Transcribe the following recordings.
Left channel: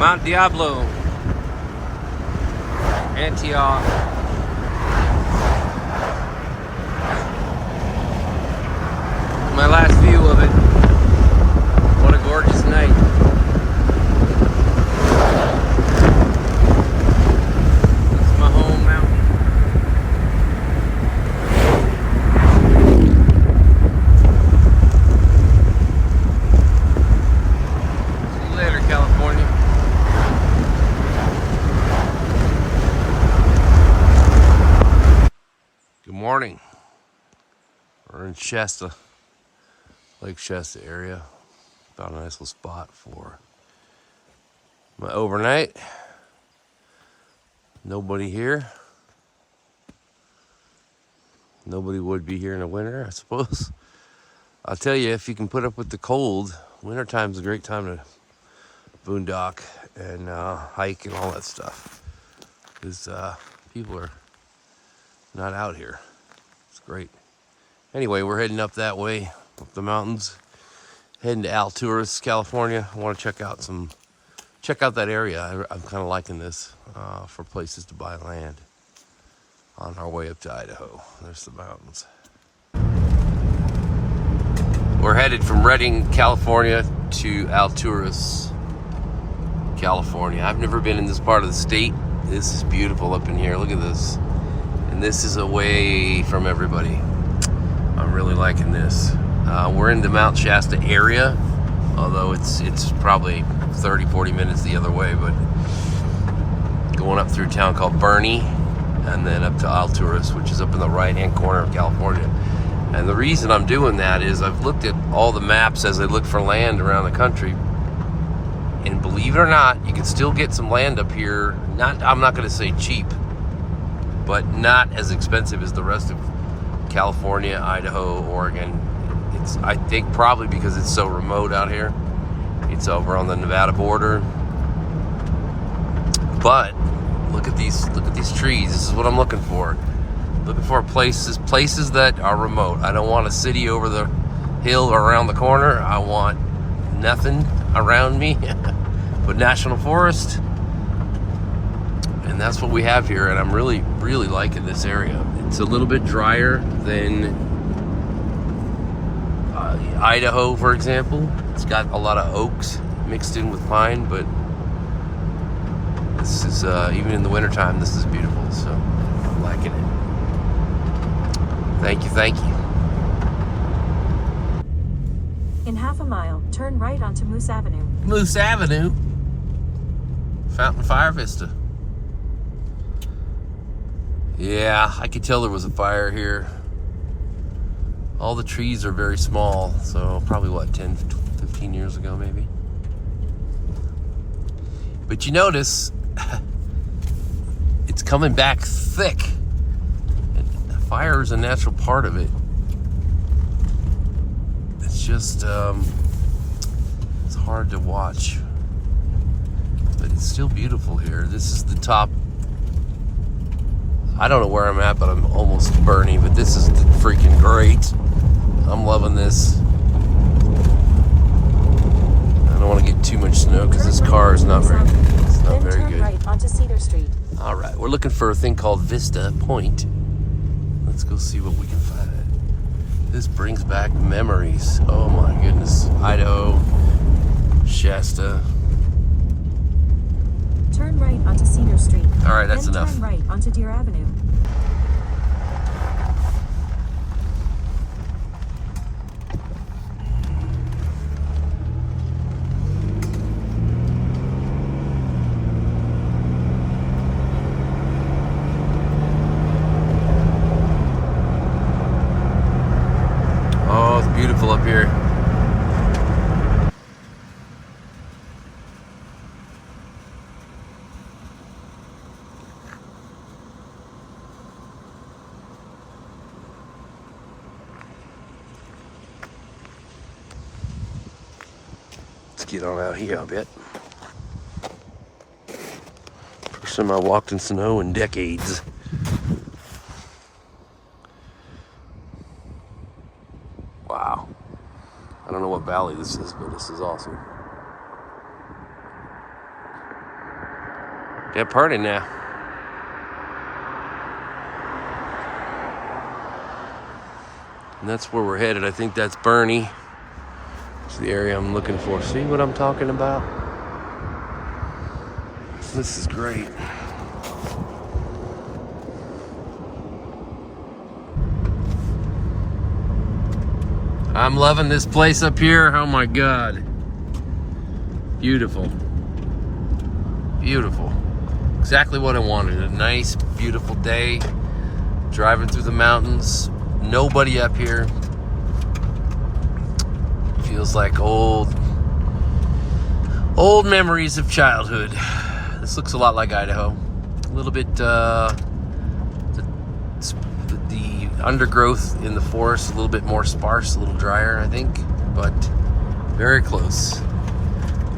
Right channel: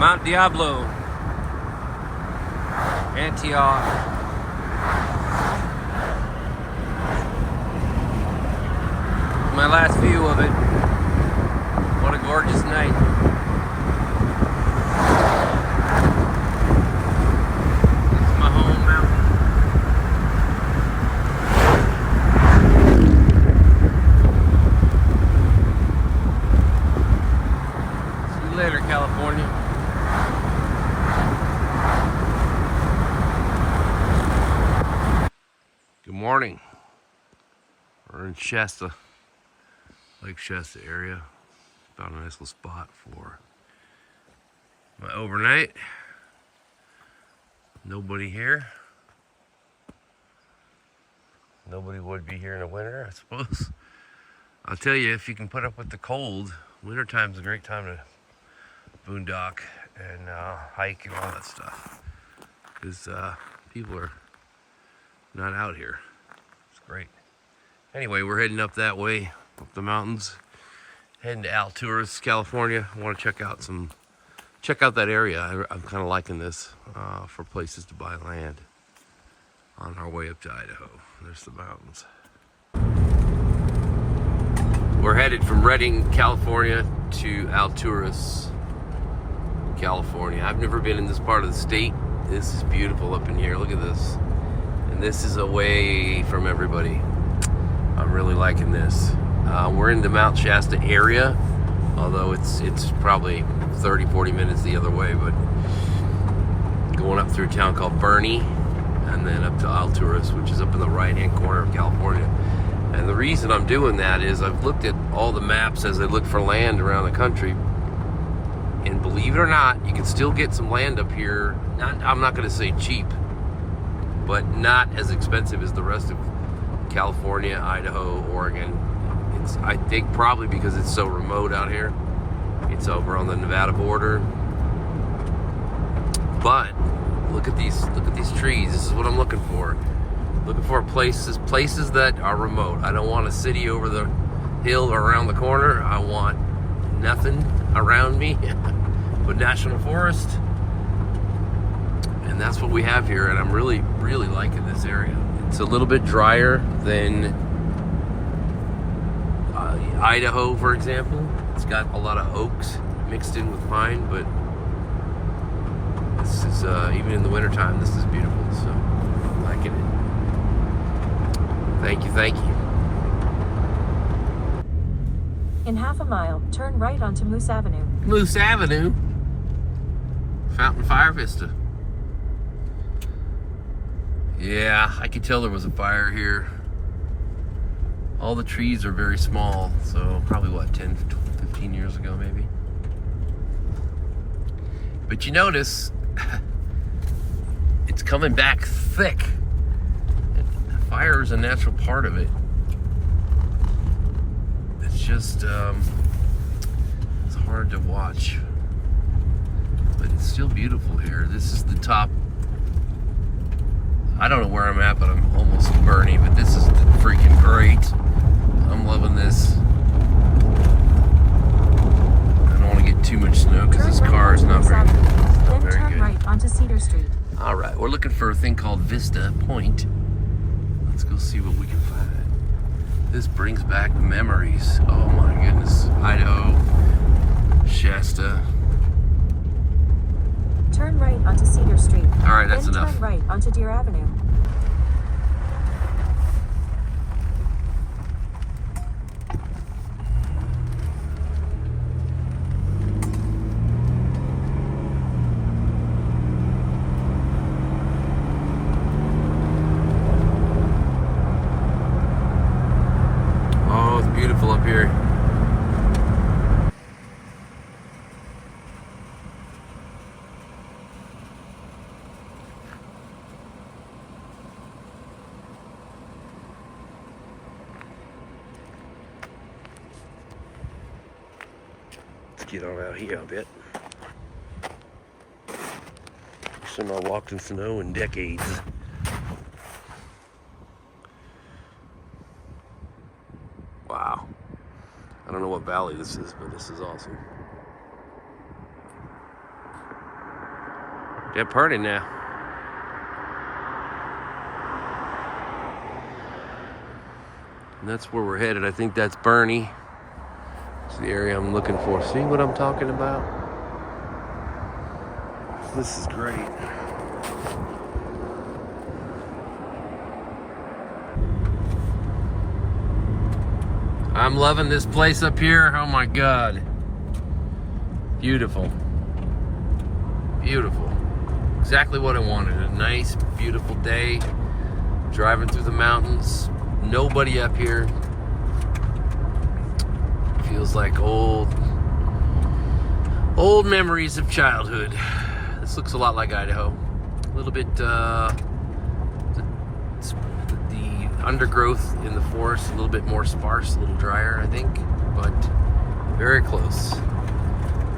Mount Diablo, Antioch. My last view of it. What a gorgeous night. That's my home mountain. See you later, California. Good morning. We're in Shasta, Lake Shasta area. Found a nice little spot for my overnight. Nobody here. Nobody would be here in the winter, I suppose. I'll tell you, if you can put up with the cold, wintertime's a great time to boondock and hike and all that stuff. Because people are not out here. It's great. Anyway, we're heading up that way, up the mountains, heading to Alturas, California. I want to check out that area. I'm kind of liking this for places to buy land on our way up to Idaho. There's the mountains. We're headed from Redding, California to Alturas, California. I've never been in this part of the state. This is beautiful up in here. Look at this. And this is away from everybody. I'm really liking this. We're in the Mount Shasta area, although it's probably 30-40 minutes the other way, but going up through a town called Bernie and then up to Alturas, which is up in the right-hand corner of California. And the reason I'm doing that is I've looked at all the maps as I look for land around the country, and believe it or not, you can still get some land up here. I'm not going to say cheap, but not as expensive as the rest of California, Idaho, Oregon. I think probably because it's so remote out here. It's over on the Nevada border. But look at these trees. This is what I'm looking for. Looking for places that are remote. I don't want a city over the hill or around the corner. I want nothing around me but national forest. And that's what we have here, and I'm really, really liking this area. It's a little bit drier than Idaho, for example. It's got a lot of oaks mixed in with pine, but this is, even in the wintertime, this is beautiful, so I'm liking it. Thank you, thank you. In half a mile, turn right onto Moose Avenue. Moose Avenue? Fountain Fire Vista. Yeah, I could tell there was a fire here. All the trees are very small, so probably what, 10, 15 years ago maybe. But you notice, it's coming back thick. Fire is a natural part of it. It's just, it's hard to watch. But it's still beautiful here. This is the top. I don't know where I'm at, but I'm almost Bernie, but this is freaking great. I'm loving this. I don't want to get too much snow because this car is not very good. Then turn right onto Cedar Street. All right, we're looking for a thing called Vista Point. Let's go see what we can find. This brings back memories. Oh my goodness. Idaho, Shasta. Turn right onto Cedar Street. All right, that's enough. Turn right onto Deer Avenue. Oh, it's beautiful up here. Get on out here a bit. First time I walked in snow in decades. Wow. I don't know what valley this is, but this is awesome. They're partying now. And that's where we're headed. I think that's Bernie. It's the area I'm looking for. See what I'm talking about? This is great. I'm loving this place up here. Oh my God. Beautiful. Beautiful. Exactly what I wanted. A nice, beautiful day. Driving through the mountains. Nobody up here. Feels like old memories of childhood. This looks a lot like Idaho. A little bit, the undergrowth in the forest, a little bit more sparse, a little drier, I think, but very close.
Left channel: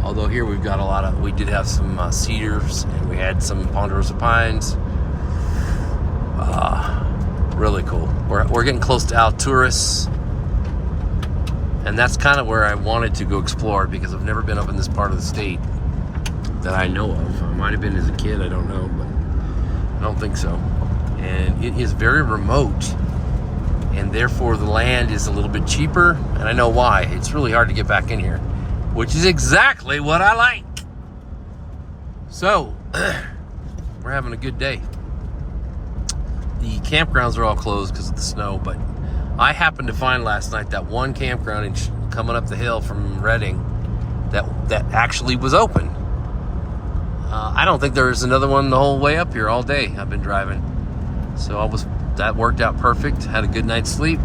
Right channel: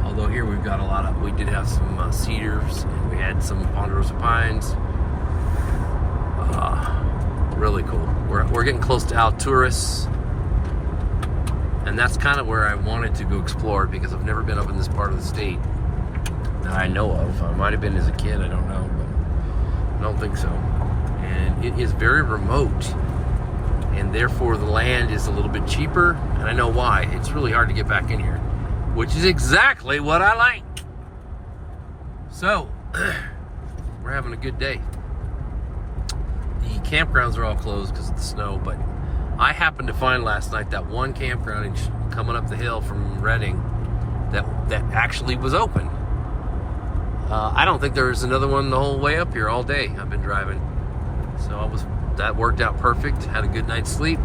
Although here we've got we did have some cedars, and we had some ponderosa pines. Really cool. We're getting close to Alturas, and that's kind of where I wanted to go explore, because I've never been up in this part of the state that I know of. I might have been as a kid, I don't know, but I don't think so. And it is very remote, and therefore the land is a little bit cheaper, and I know why. It's really hard to get back in here, which is exactly what I like. So, we're having a good day. The campgrounds are all closed because of the snow, but I happened to find last night that one campground coming up the hill from Redding that actually was open. I don't think there was another one the whole way up here all day I've been driving. So that worked out perfect. Had a good night's sleep.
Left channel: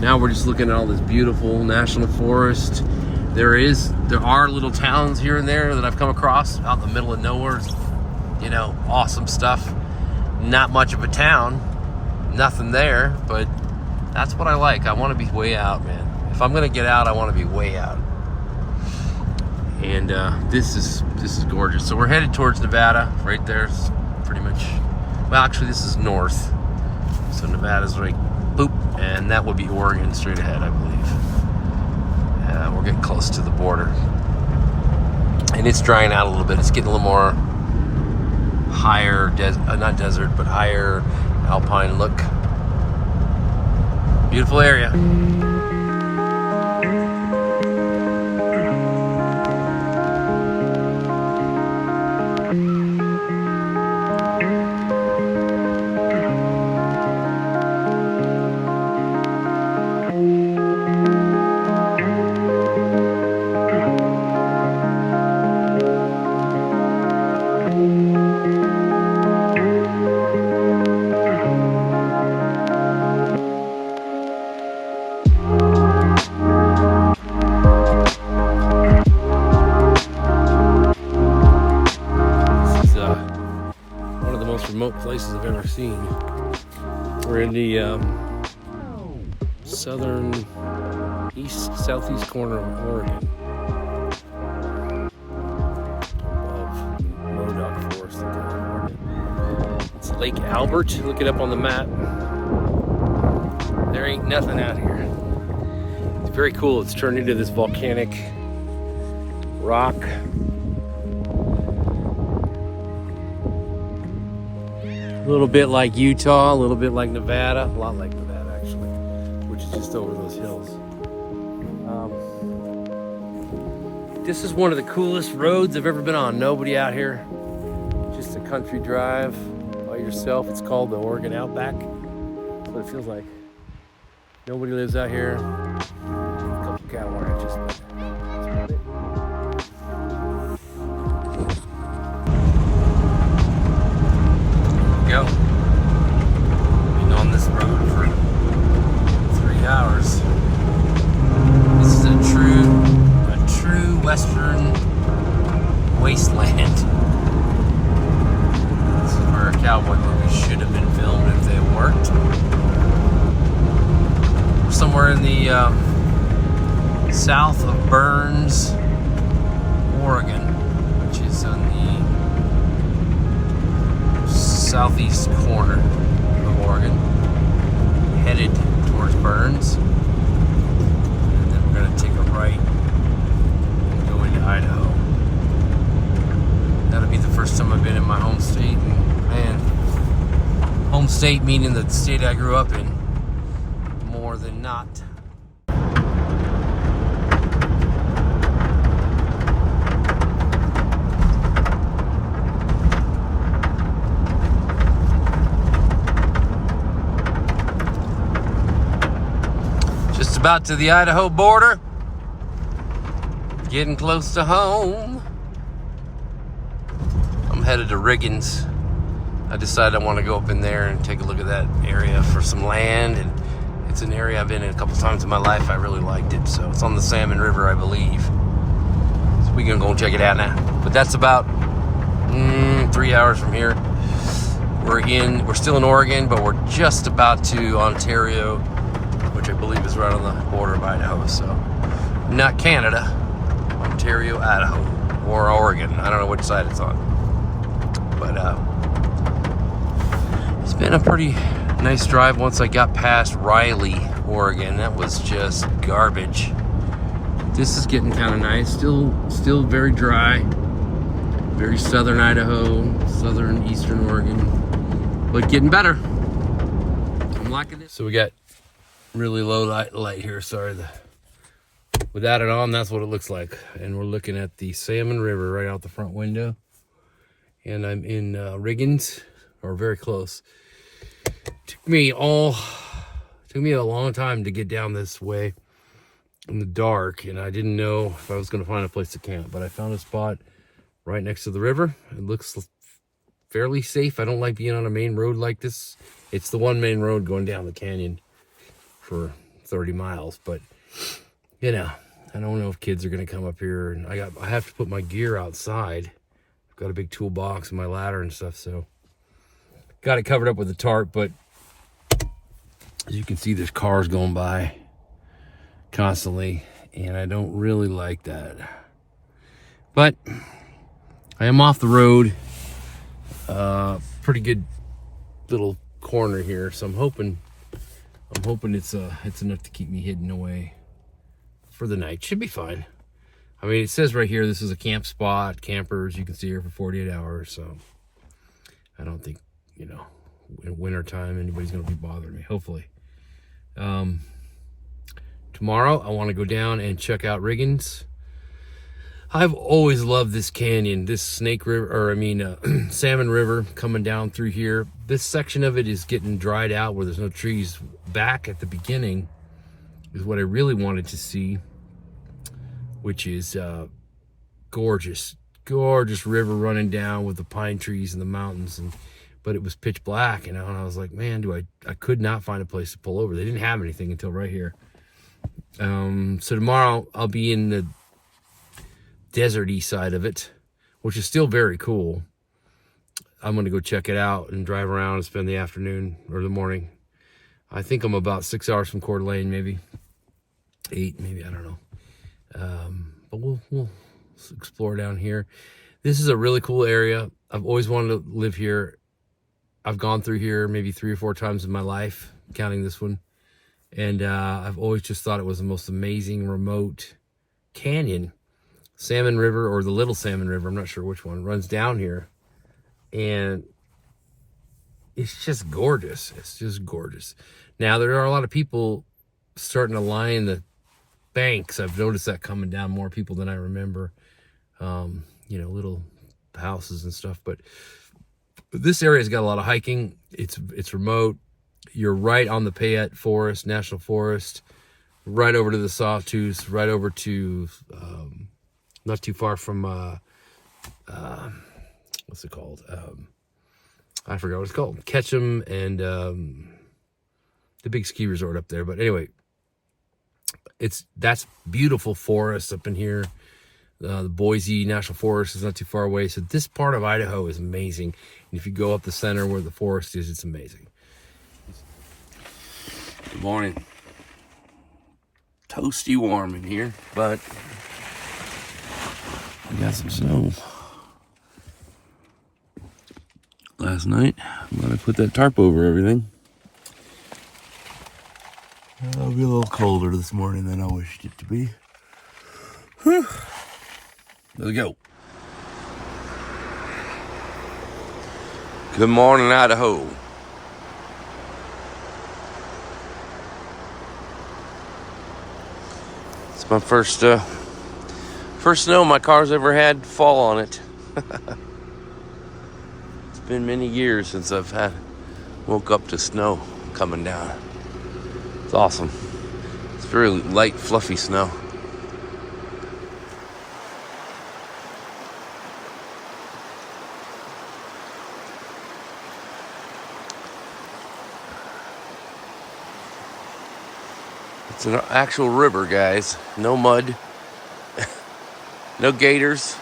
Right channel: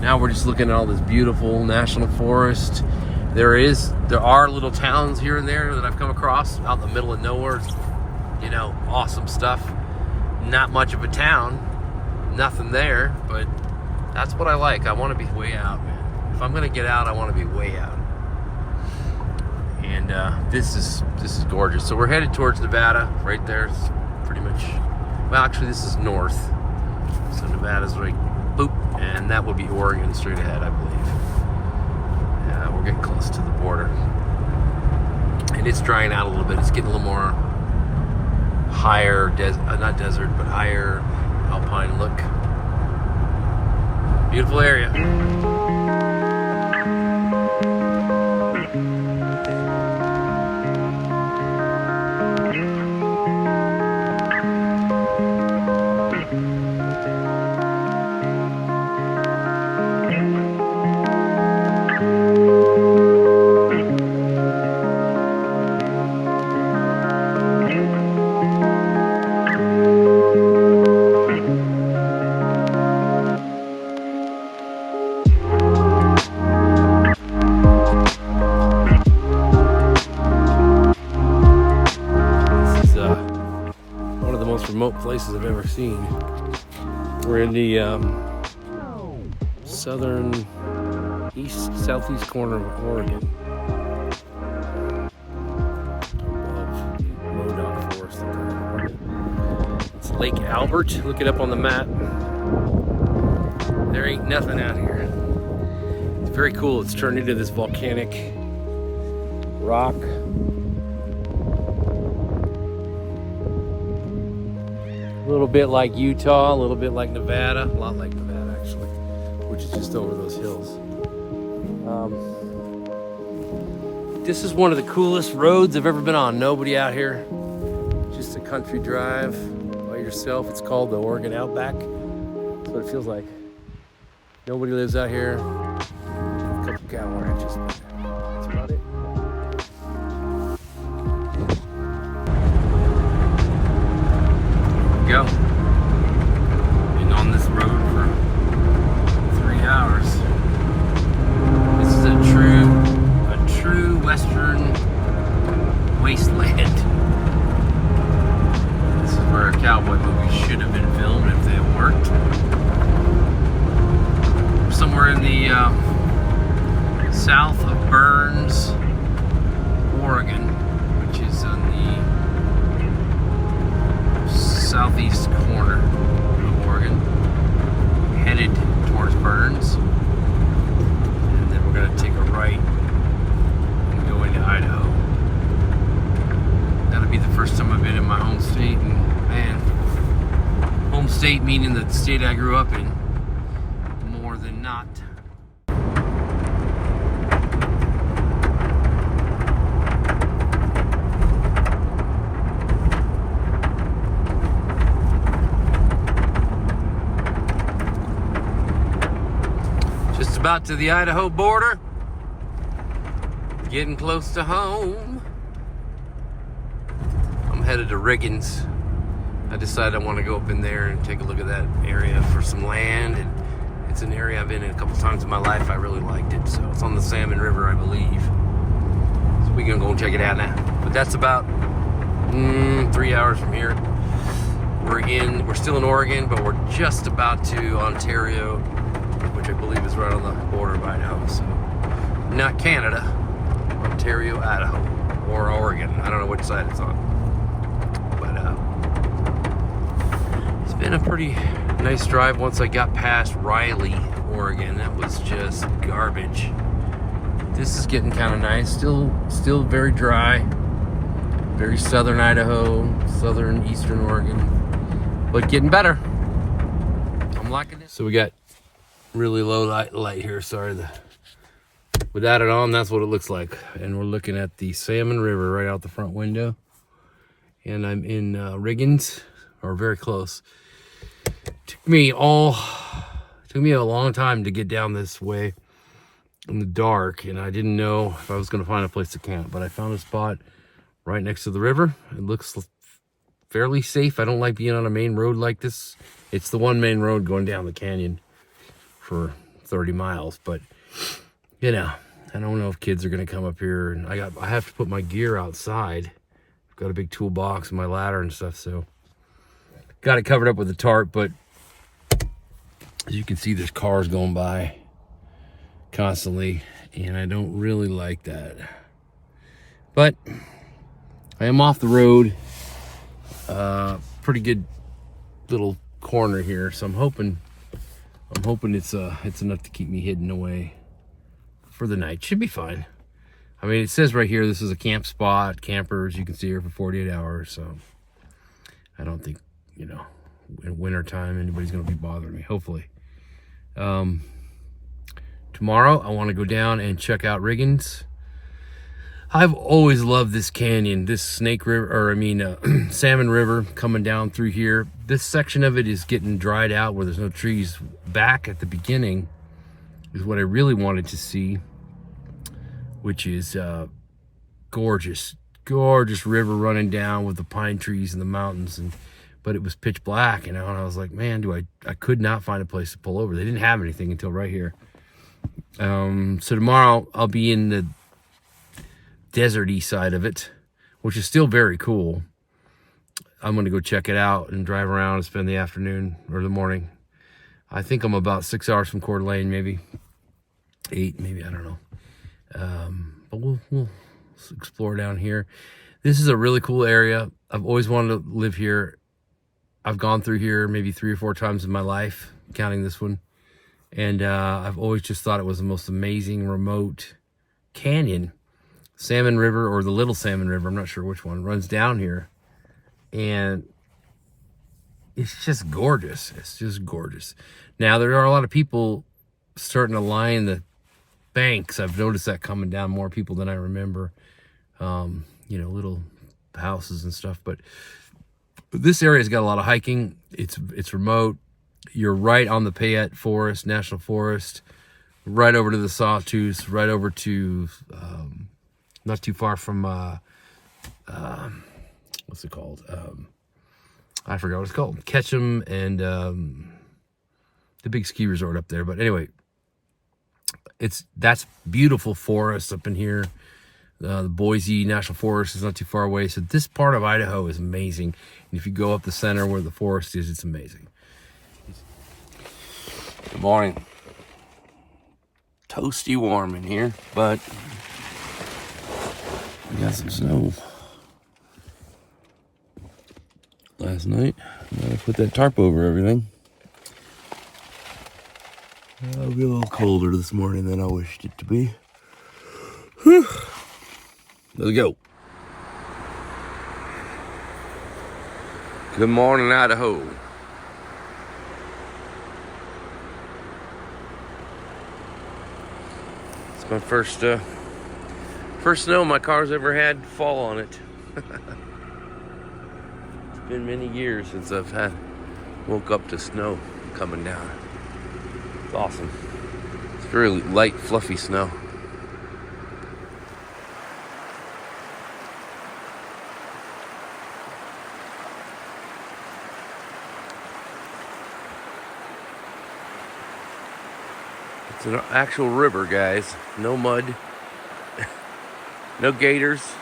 Now we're just looking at all this beautiful national forest. There are little towns here and there that I've come across out in the middle of nowhere. You know, awesome stuff. Not much of a town, nothing there, but that's what I like. I want to be way out, man. If I'm gonna get out, I want to be way out. And this is gorgeous. So we're headed towards Nevada. Right there's pretty much. Well, actually, this is north. So Nevada's right, boop, and that would be Oregon straight ahead, I believe. We're getting close to the border, and it's drying out a little bit. It's getting a little more higher, not desert, but higher alpine look. Beautiful area. Remote places I've ever seen. We're in the southeast corner of Oregon, above Modoc Forest in California. It's Lake Albert. Look it up on the map. There ain't nothing out here. It's very cool. It's turned into this volcanic rock. A little bit like Utah, a little bit like Nevada, a lot like Nevada actually, which is just over those hills. This is one of the coolest roads I've ever been on. Nobody out here, just a country drive by yourself. It's called the Oregon Outback. That's what it feels like. Nobody lives out here. A couple cattle ranches, but that's about it. Go. Been on this road for 3 hours. This is a true western wasteland. This is where a cowboy movie should have been filmed if they had worked. We're somewhere in the south of Burns, Oregon, which is on the southeast corner of Oregon, headed towards Burns, and then we're going to take a right and go into Idaho. That'll be the first first time I've been in my home state, and man, home state meaning the state I grew up in, more than not. Just about to the Idaho border. Getting close to home. I'm headed to Riggins. I decided I want to go up in there and take a look at that area for some land. And it's an area I've been in a couple times in my life. I really liked it. So it's on the Salmon River, I believe. So we're gonna go check it out now. But that's about 3 hours from here. We're still in Oregon, but we're just about to Ontario, which I believe is right on the border of Idaho. So not Canada. Ontario, Idaho, or Oregon. I don't know which side it's on. But it's been a pretty nice drive once I got past Riley, Oregon. That was just garbage. This is getting kind of nice. Still very dry. Very southern Idaho, southern eastern Oregon. But getting better. I'm liking it. So we got really low light here. Sorry. Without it on, that's what it looks like. And we're looking at the Salmon River right out the front window. And I'm in Riggins, or very close. Took me a long time to get down this way in the dark, and I didn't know if I was going to find a place to camp. But I found a spot right next to the river. It looks fairly safe. I don't like being on a main road like this. It's the one main road going down the canyon for 30 miles, but you know, I don't know if kids are going to come up here, and I have to put my gear outside. I've got a big toolbox and my ladder and stuff, so got it covered up with a tarp. But as you can see, there's cars going by constantly, and I don't really like that. But I am off the road, pretty good little corner here, so I'm hoping it's enough to keep me hidden away for the night. Should be fine. I mean, it says right here, this is a camp spot, campers, you can see here for 48 hours. So I don't think, you know, in winter time, anybody's going to be bothering me, hopefully. Tomorrow, I want to go down and check out Riggins. I've always loved this canyon, this Snake River, Salmon River coming down through here. This section of it is getting dried out where there's no trees. Back at the beginning is what I really wanted to see, which is gorgeous river running down with the pine trees and the mountains, but it was pitch black, and I was like, man, I could not find a place to pull over. They didn't have anything until right here. So tomorrow I'll be in the deserty side of it, which is still very cool. I'm going to go check it out and drive around and spend the afternoon or the morning. I think I'm about 6 hours from Coeur d'Alene, maybe 8, maybe, I don't know. But we'll explore down here. This is a really cool area. I've always wanted to live here. I've gone through here maybe 3 or 4 times in my life, counting this one. And I've always just thought it was the most amazing remote canyon. Salmon River, or the Little Salmon River, I'm not sure which one, runs down here. And it's just gorgeous. It's just gorgeous. Now, there are a lot of people starting to line the banks. I've noticed that coming down, more people than I remember. You know, little houses and stuff. But this area's got a lot of hiking. It's remote. You're right on the Payette Forest, National Forest, right over to the Sawtooth, right over to, not too far from, what's it called? I forgot what it's called. Ketchum and the big ski resort up there. But anyway, that's beautiful forest up in here. The Boise National Forest is not too far away. So this part of Idaho is amazing. And if you go up the center where the forest is, it's amazing. Good morning. Toasty warm in here, but we got some snow. Last night, when I put that tarp over everything, it'll be a little colder this morning than I wished it to be. Whew. Let's go. Good morning, Idaho. It's my first snow my car's ever had fall on it. It's been many years since I've woke up to snow coming down. It's awesome. It's very light, fluffy snow. It's an actual river, guys. No mud. No gators.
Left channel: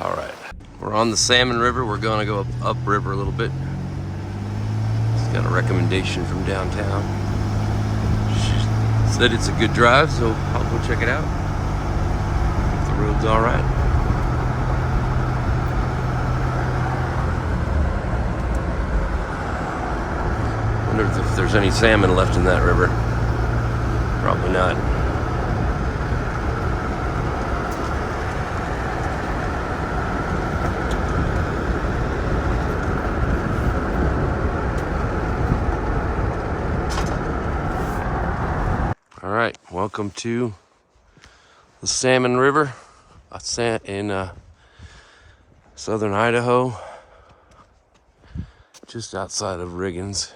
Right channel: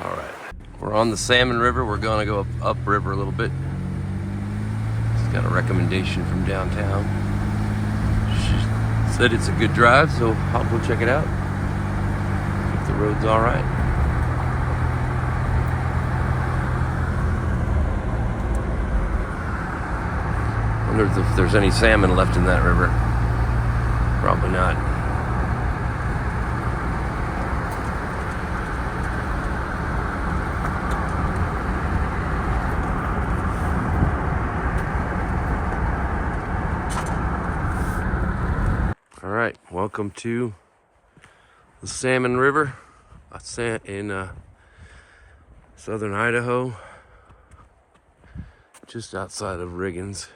All right. We're on the Salmon River. We're going to go upriver a little bit. Just got a recommendation from downtown. She said it's a good drive, so I'll go check it out. If the road's all right. Wonder if there's any salmon left in that river. Probably not. All right, welcome to the Salmon River in southern Idaho, just outside of Riggins.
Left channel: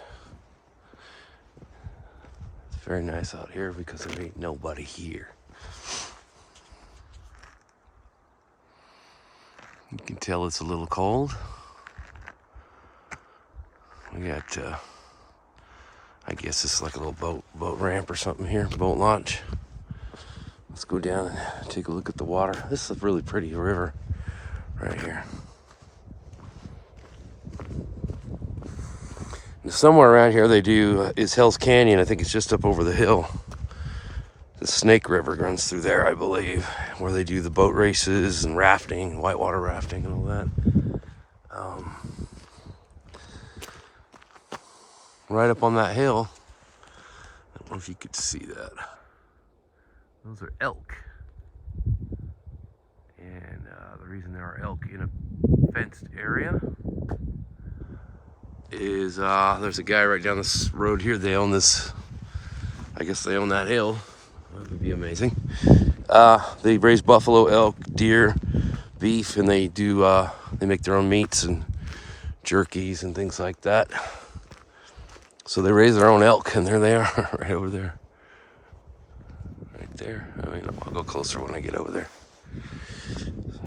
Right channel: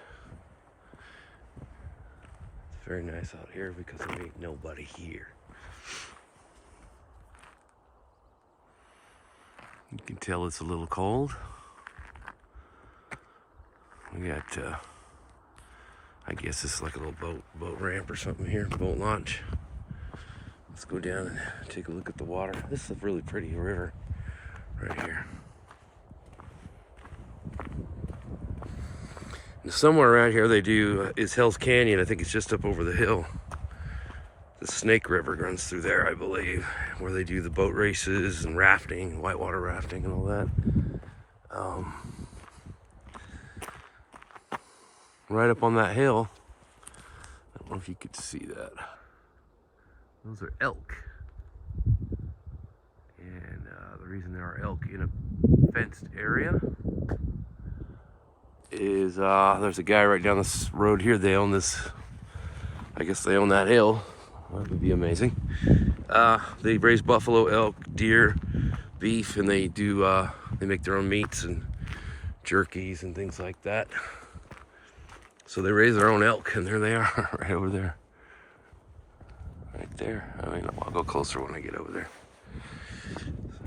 It's very nice out here because there ain't nobody here. You can tell it's a little cold. We got, I guess it's like a little boat ramp or something here, boat launch. Let's go down and take a look at the water. This is a really pretty river right here. And somewhere around here they do is Hell's Canyon. I think it's just up over the hill. The Snake River runs through there, I believe, where they do the boat races and rafting, whitewater rafting and all that. Right up on that hill. I don't know if you could see that. Those are elk. And the reason there are elk in a fenced area is there's a guy right down this road here. They own this, I guess they own that hill. That would be amazing. They raise buffalo, elk, deer, beef, and they make their own meats and jerkies and things like that. So they raise their own elk, and there they are, right over there. Right there. I mean, I'll go closer when I get over there. So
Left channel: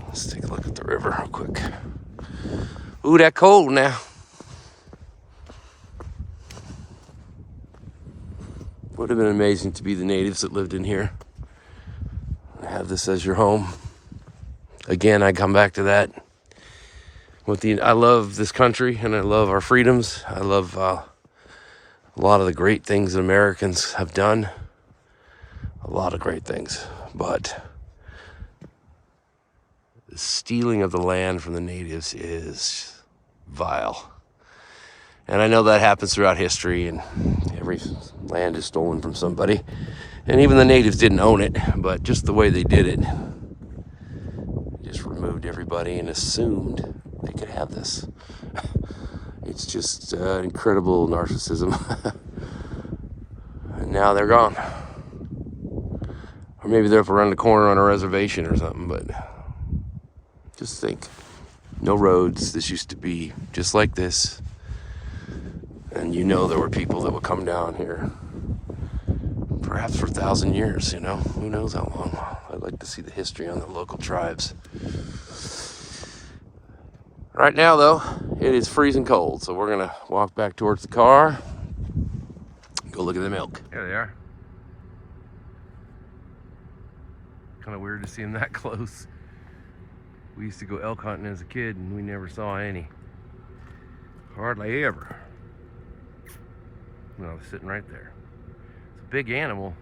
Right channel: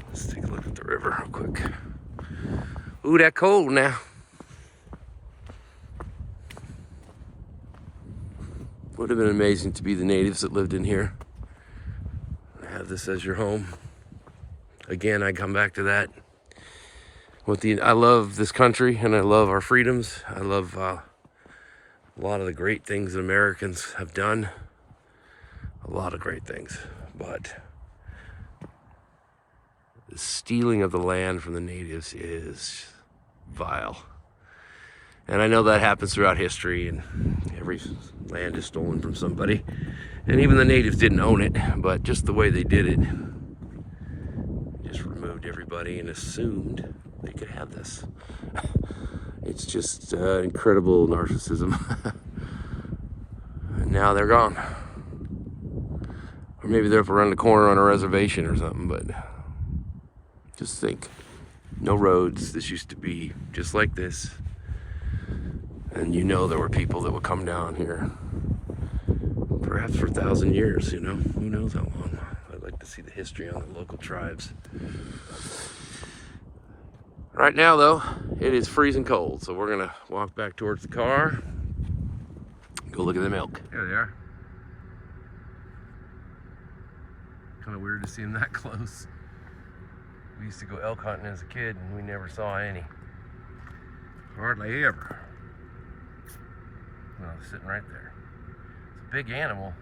let's take a look at the river real quick. Ooh, that cold now. Would have been amazing to be the natives that lived in here. Have this as your home. Again, I come back to that. I love this country, and I love our freedoms. I love a lot of the great things that Americans have done. A lot of great things. But the stealing of the land from the natives is vile. And I know that happens throughout history, and every land is stolen from somebody. And even the natives didn't own it, but just the way they did it, just removed everybody and assumed they could have this. It's just incredible narcissism. And now they're gone. Or maybe they're up around the corner on a reservation or something, but just think. No roads. This used to be just like this. And there were people that would come down here, perhaps for 1,000 years, Who knows how long. I'd like to see the history on the local tribes. Right now, though, it is freezing cold, so we're going to walk back towards the car, go look at the milk. There they are. Kind of weird to see them that close. We used to go elk hunting as a kid, and we never saw any. Hardly ever. Well, they're sitting right there. It's a big animal.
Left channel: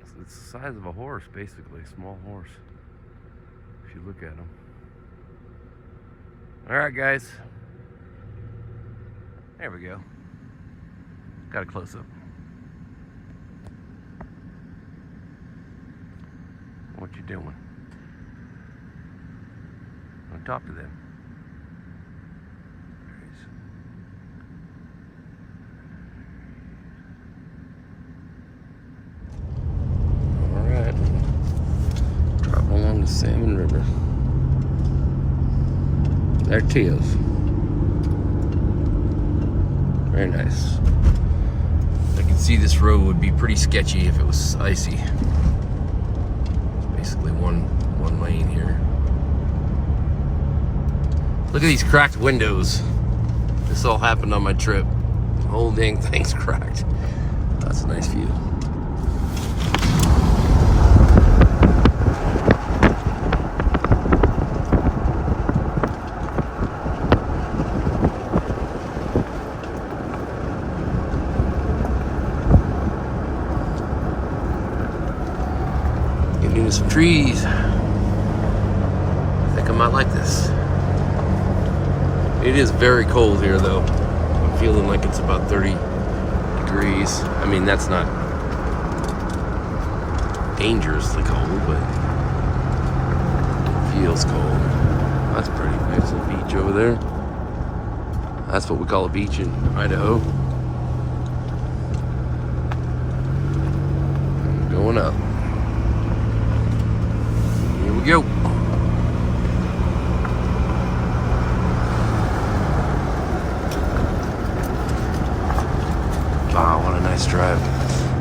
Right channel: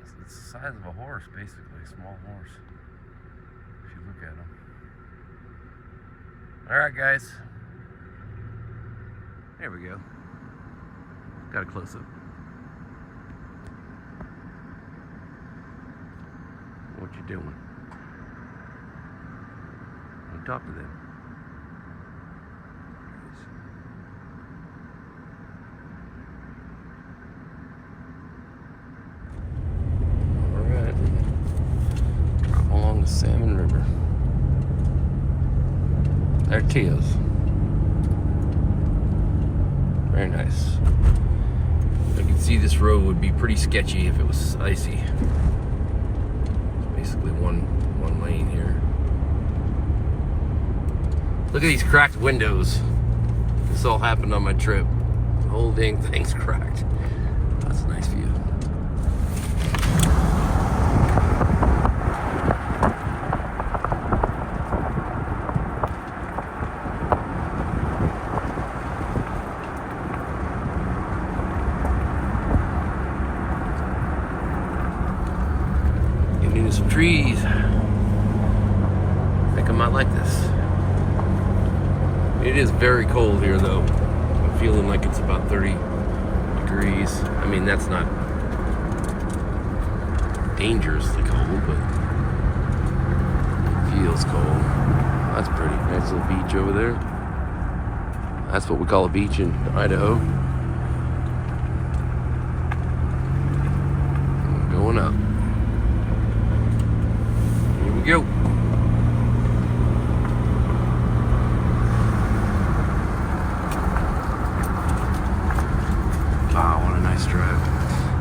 It's the size of a horse, basically, a small horse, if you look at him. All right, guys. There we go. Got a close-up. what you doing. I'll talk to them. Alright. Driving along the Salmon River. There it is. Very nice. I can see this road would be pretty sketchy if it was icy. Basically one lane here. Look at these cracked windows. This all happened on my trip. The whole dang thing's cracked. That's a nice view. Getting into some trees. I think I might like this. It is very cold here though. I'm feeling like it's about 30 degrees. I mean, that's not dangerously cold, but it feels cold. That's pretty. Nice little beach over there. That's what we call a beach in Idaho. And going up. Here we go. Wow, what a nice drive.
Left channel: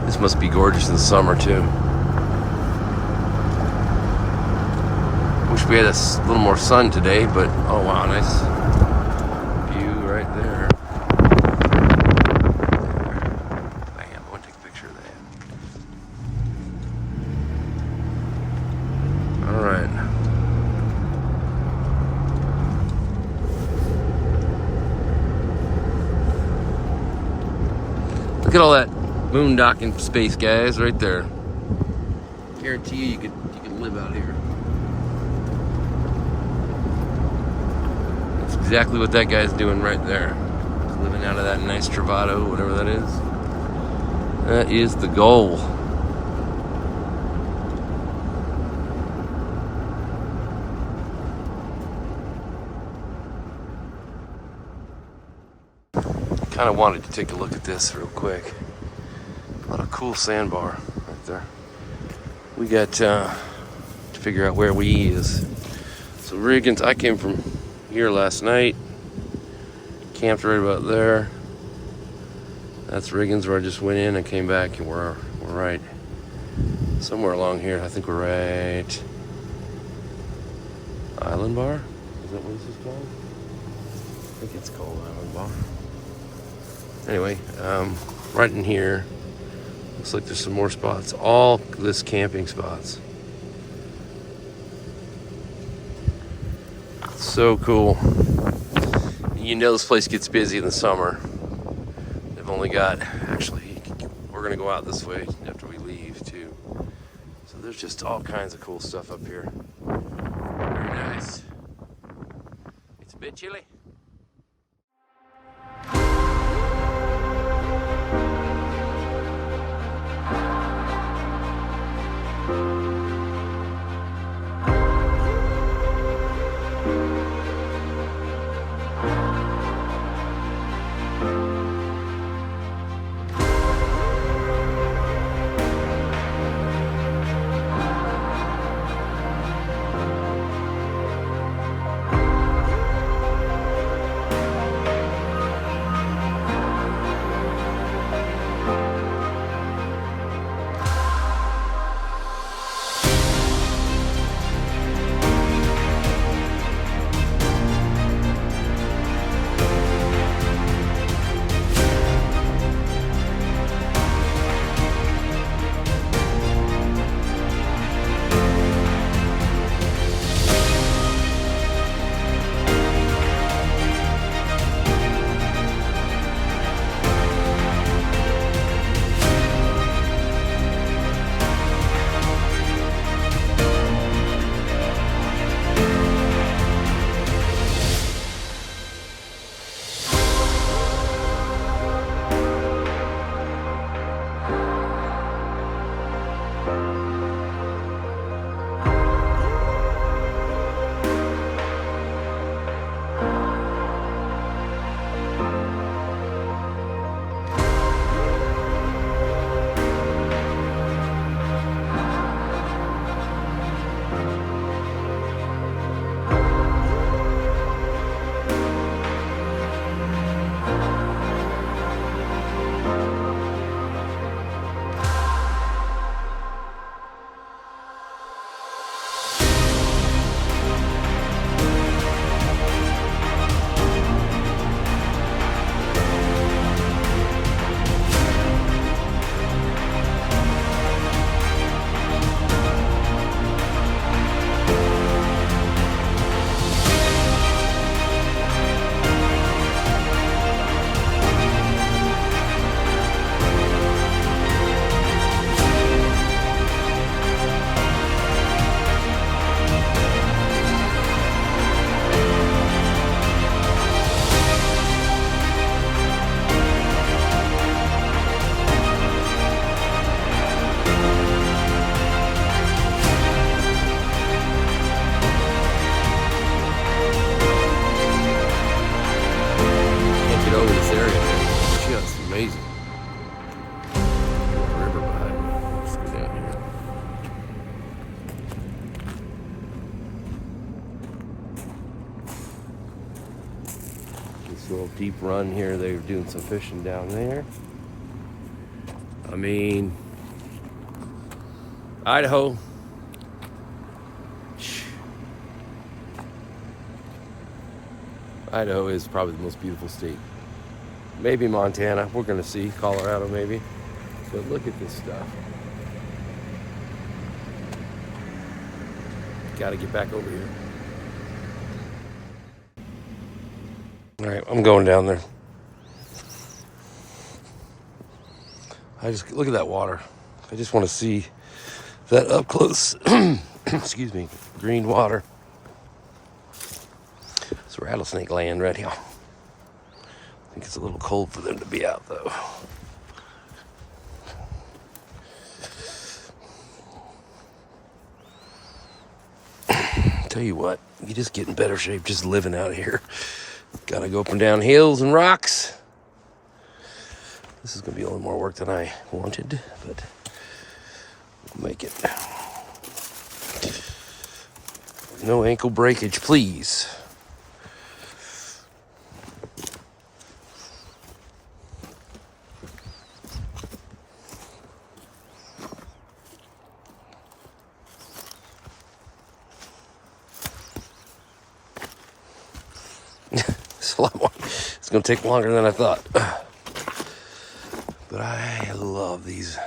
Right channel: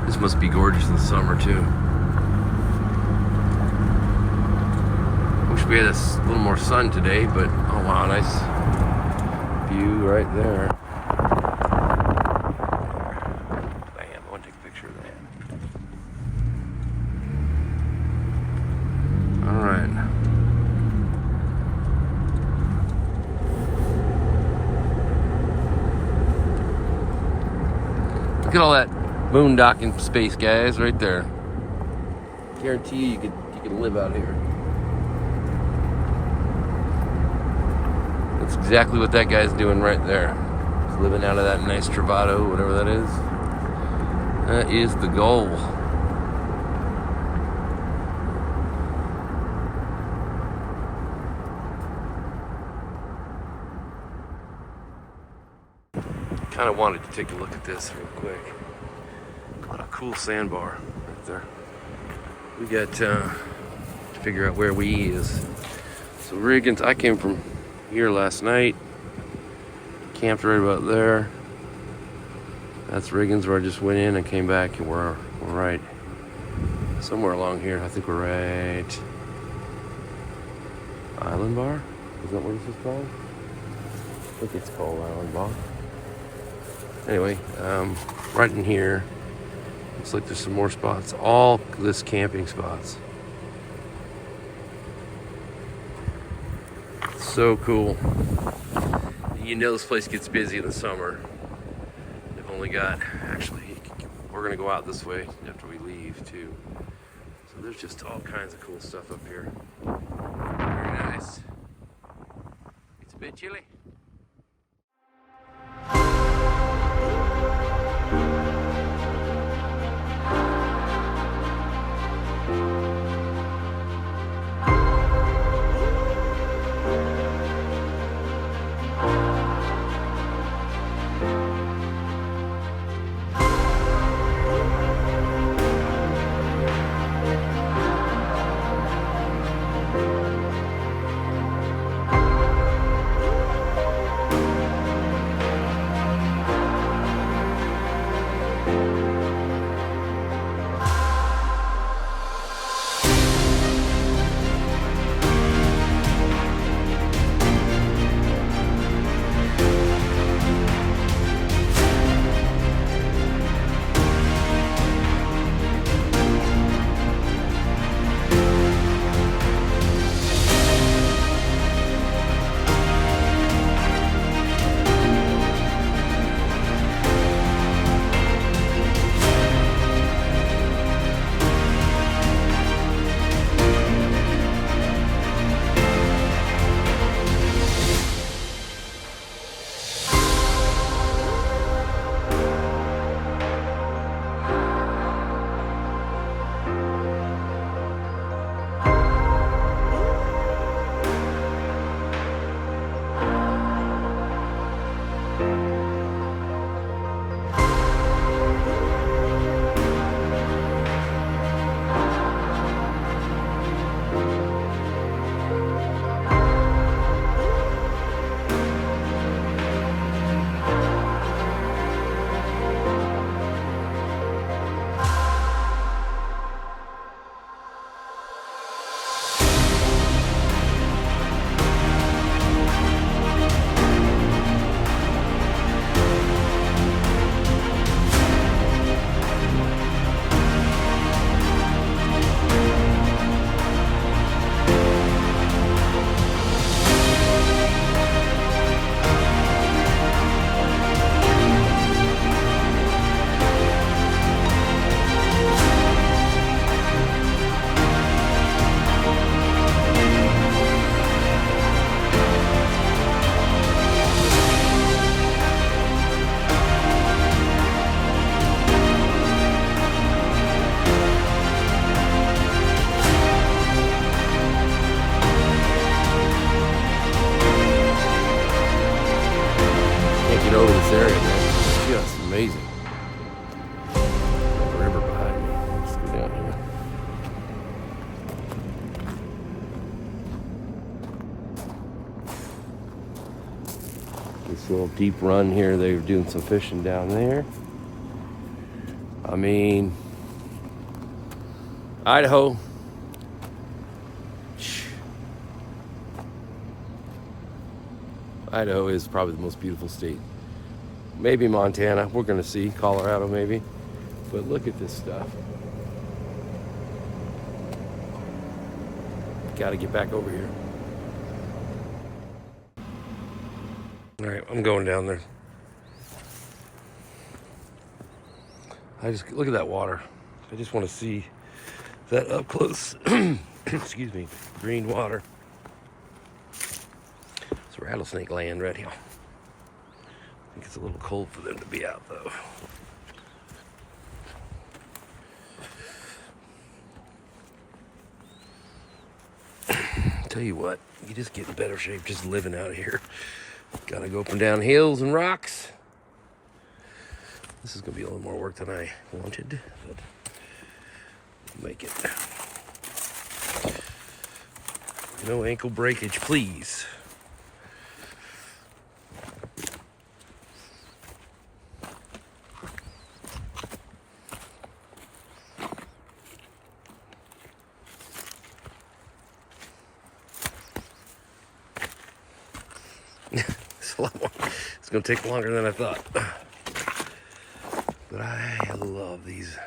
This must be gorgeous in the summer too. Wish we had a little more sun today, but oh wow, nice view right there. Bam, I want to take a picture of that. All right. Look at all that boondocking space, guys, right there. Guarantee you could live out here. That's exactly what that guy's doing right there. He's living out of that nice Travato, whatever that is. That is the goal. Kind of wanted to take a look at this real quick. What a cool sandbar right there. We got to figure out where we is. So Riggins, I came from here last night. Camped right about there. That's Riggins where I just went in and came back, and we're right somewhere along here. I think we're right Island Bar? Is that what this is called? I think it's called Island Bar. Anyway, right in here, looks like there's some more spots. All this camping spots. So cool. You know this place gets busy in the summer. They've only got, actually, we're gonna go out this way after we leave too. So there's just all kinds of cool stuff up here. Very nice. It's a bit chilly. Let's go down here. This little deep run here, they were doing some fishing down there. I mean, Idaho. Idaho is probably the most beautiful state. Maybe Montana, we're gonna see. Colorado maybe. But look at this stuff. Gotta get back over here. All right, I'm going down there. I just, look at that water. I just want to see that up close. Excuse me, green water. It's rattlesnake land right here. I think it's a little cold for them to be out though. Tell you what, you just get in better shape just living out here. Gotta go up and down hills and rocks. This is gonna be a little more work than I wanted, but we'll make it. No ankle breakage, please. It's a lot more. It's gonna take longer than I thought. But I love these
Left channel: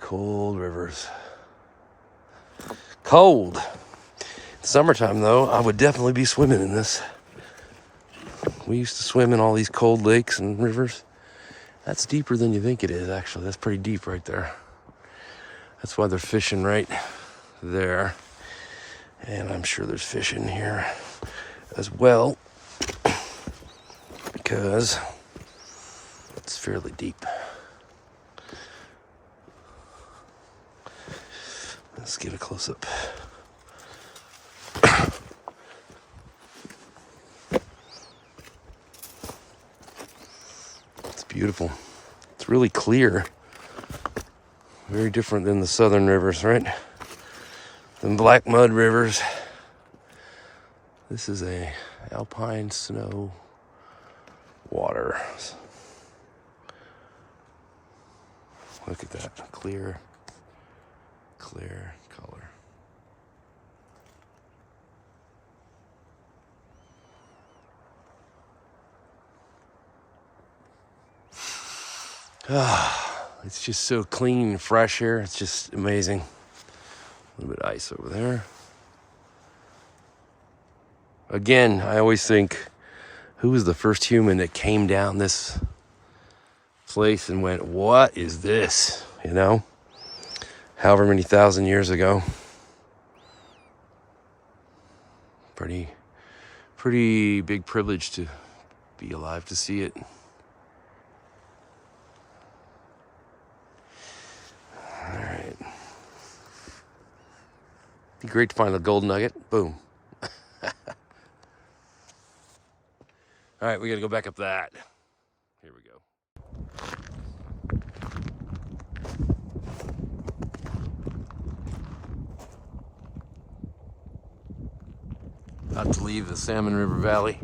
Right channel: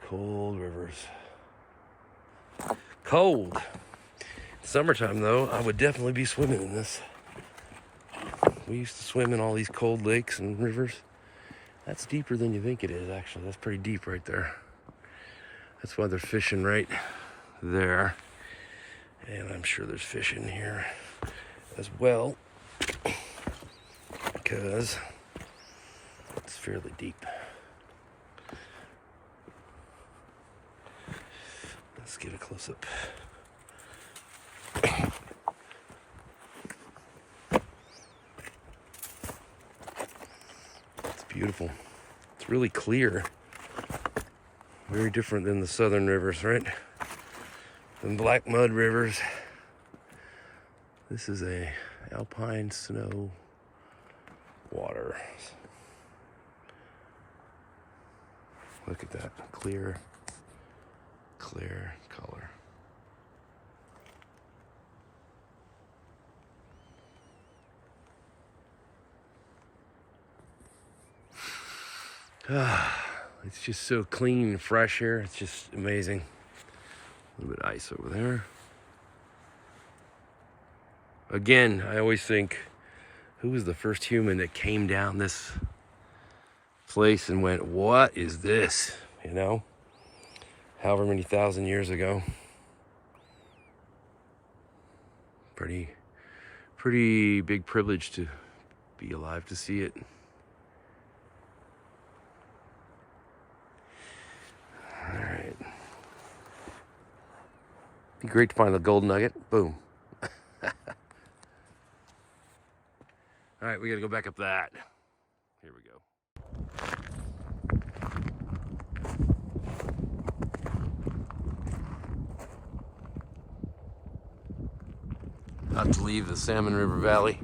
cold rivers. Cold. Summertime though, I would definitely be swimming in this. We used to swim in all these cold lakes and rivers. That's deeper than you think it is, actually. That's pretty deep right there. That's why they're fishing right there. And I'm sure there's fish in here as well, because it's fairly deep. Let's get a close-up. It's beautiful. It's really clear. Very different than the southern rivers, right? Than black mud rivers. This is a alpine snow water. Look at that, clear color. It's just so clean and fresh here. It's just amazing. A little bit of ice over there. Again, I always think, who was the first human that came down this place and went, what is this? You know? However many thousand years ago. Pretty big privilege to be alive to see it. All right. Be great to find the gold nugget. Boom. All right, we gotta go back up that. Here we go. About to leave the Salmon River Valley.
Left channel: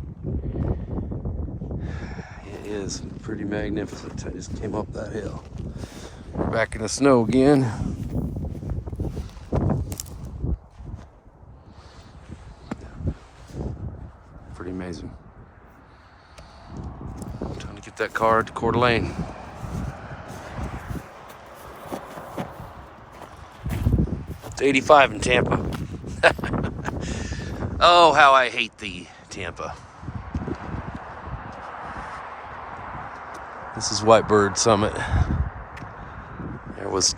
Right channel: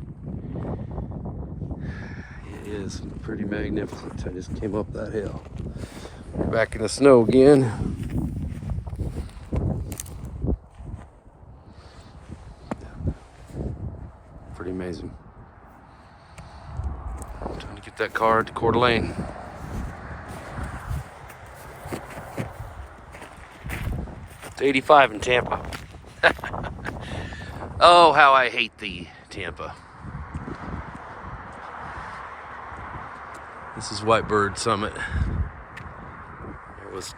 It is pretty magnificent. I just came up that hill. We're back in the snow again. Pretty amazing. Trying to get that car to Coeur d'Alene. It's 85 in Tampa. Oh, how I hate the Tampa. This is Whitebird Summit. There was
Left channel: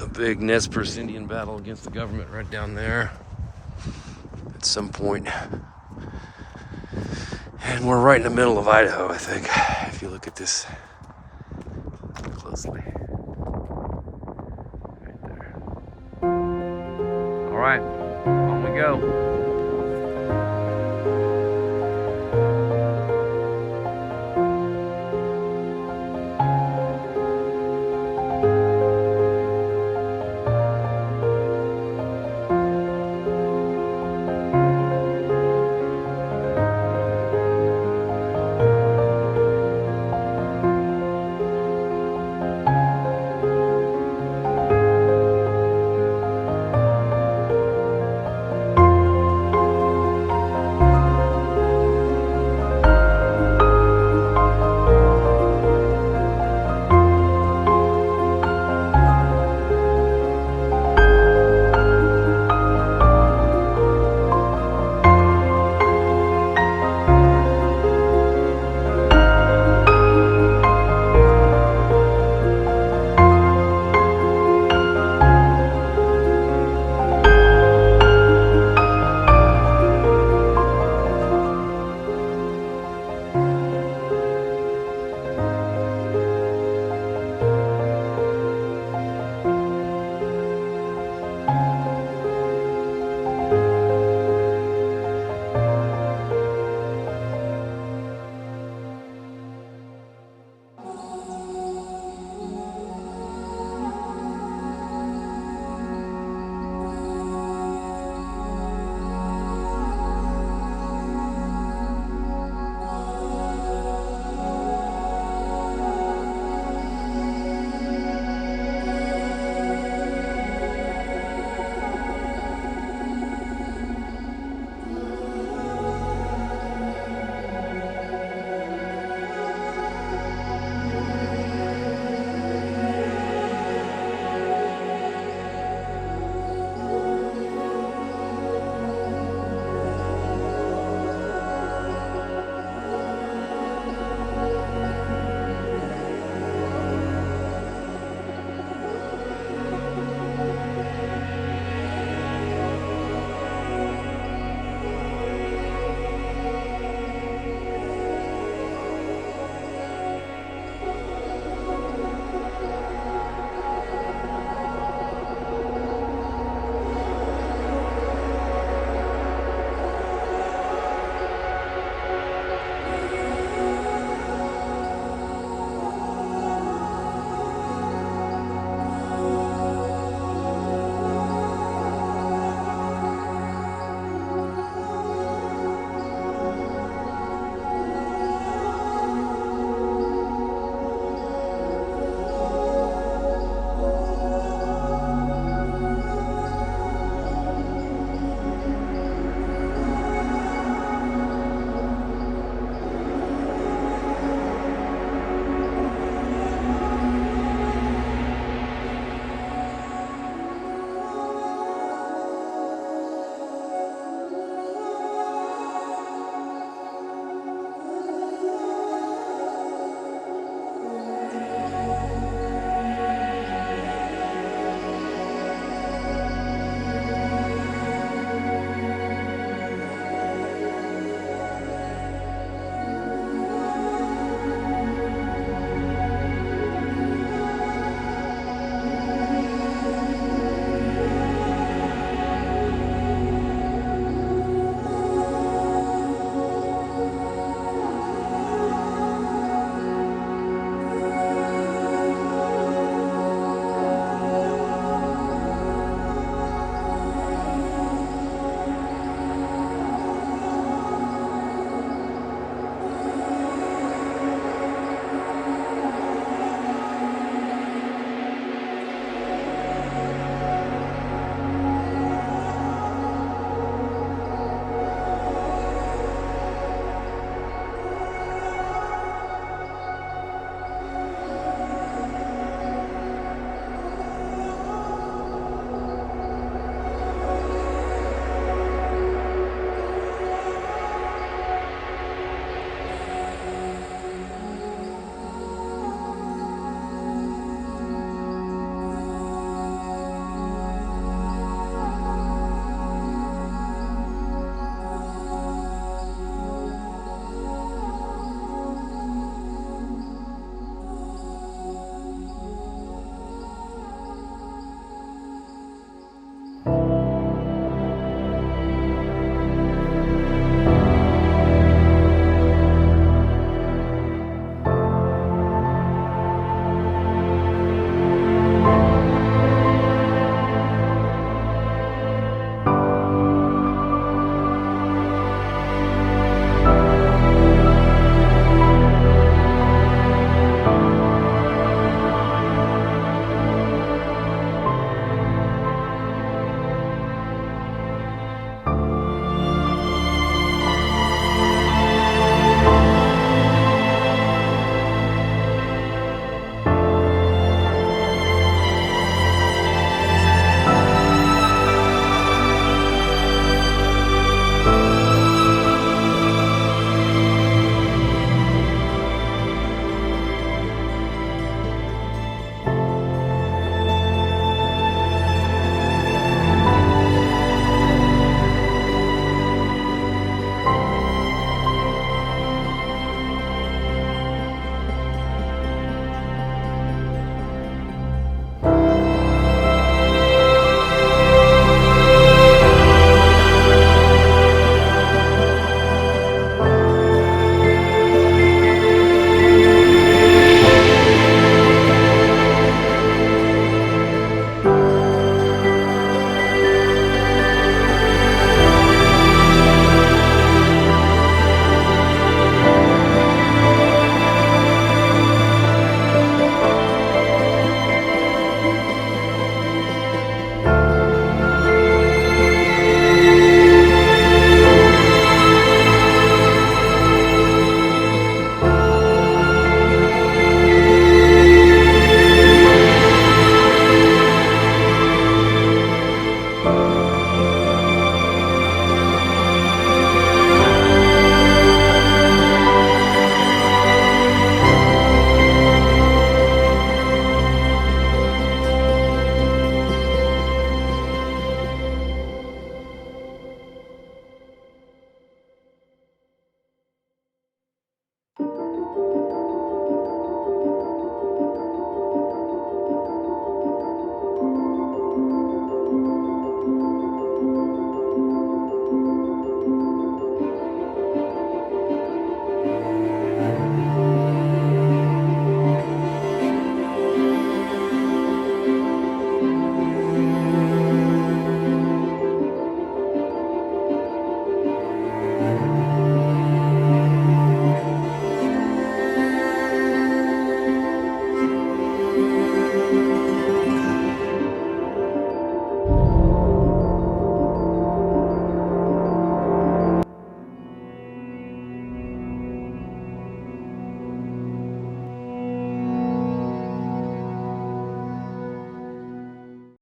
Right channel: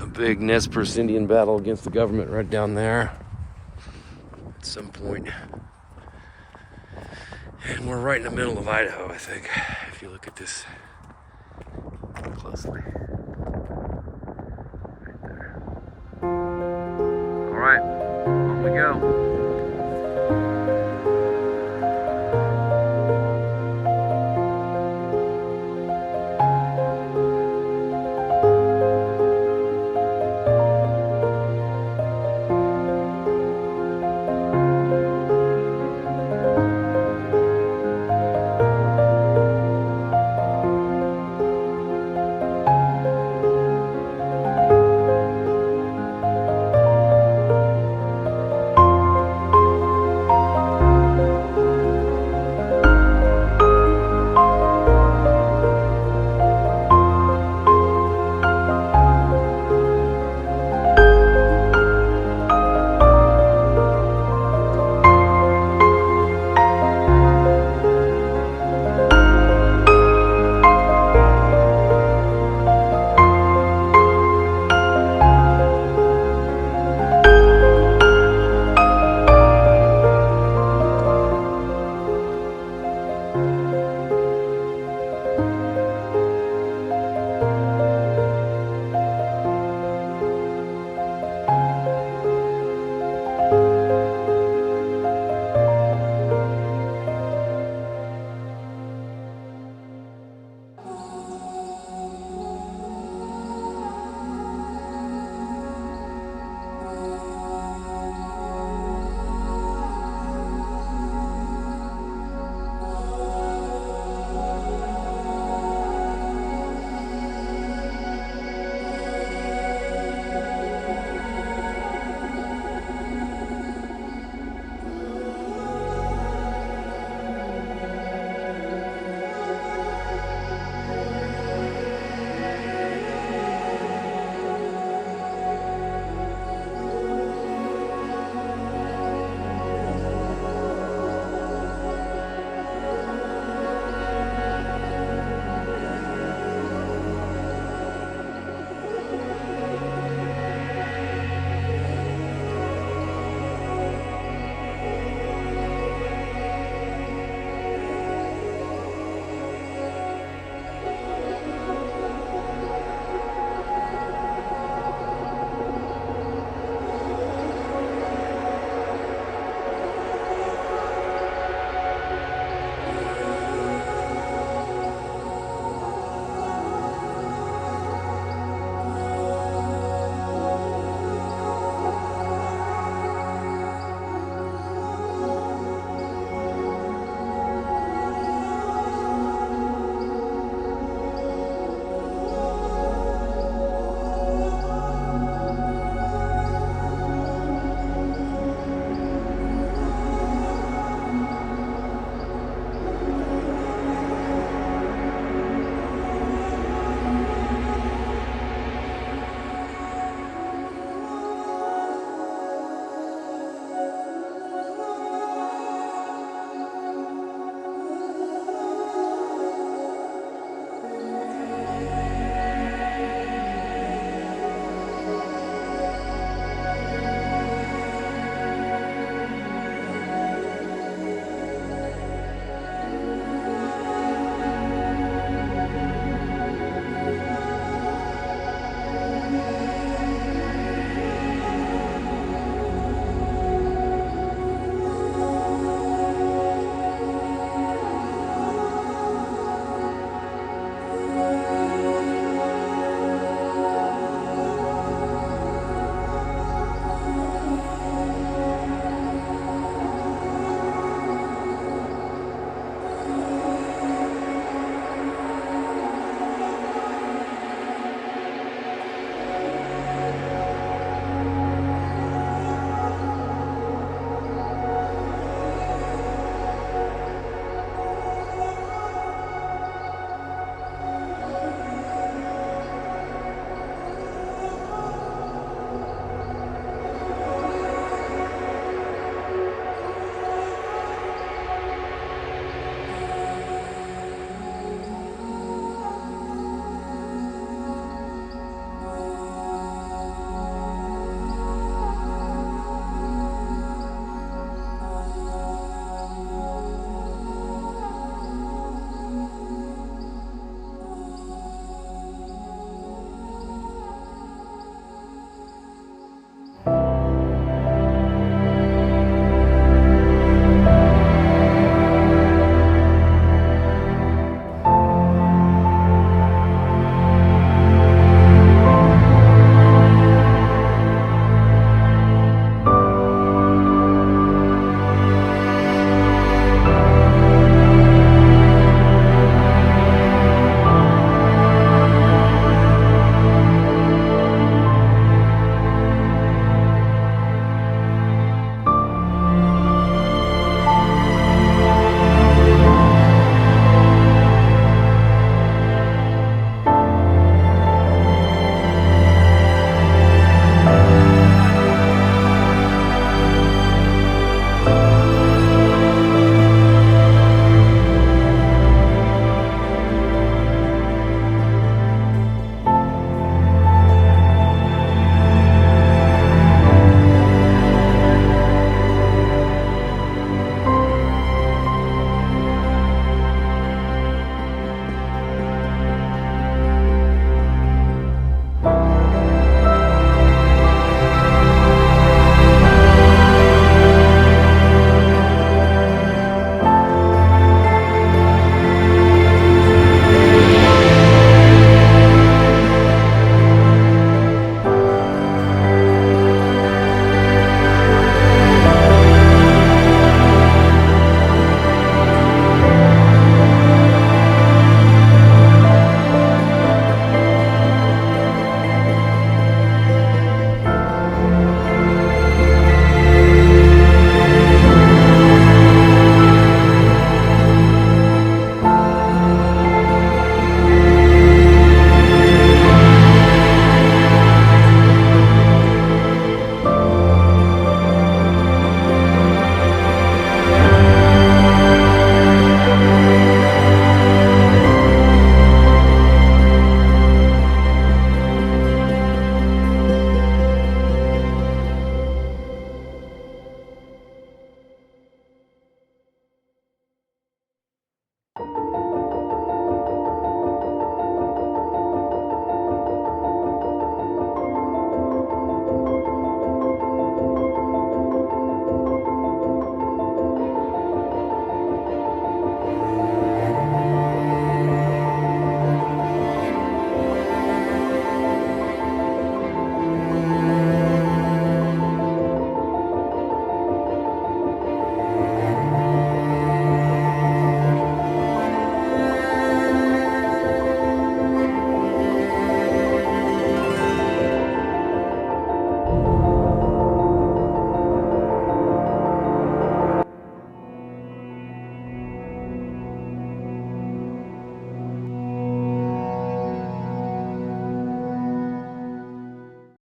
a big Nez Perce Indian battle against the government right down there at some point. And we're right in the middle of Idaho, I think, if you look at this closely. Right there. All right, on we go.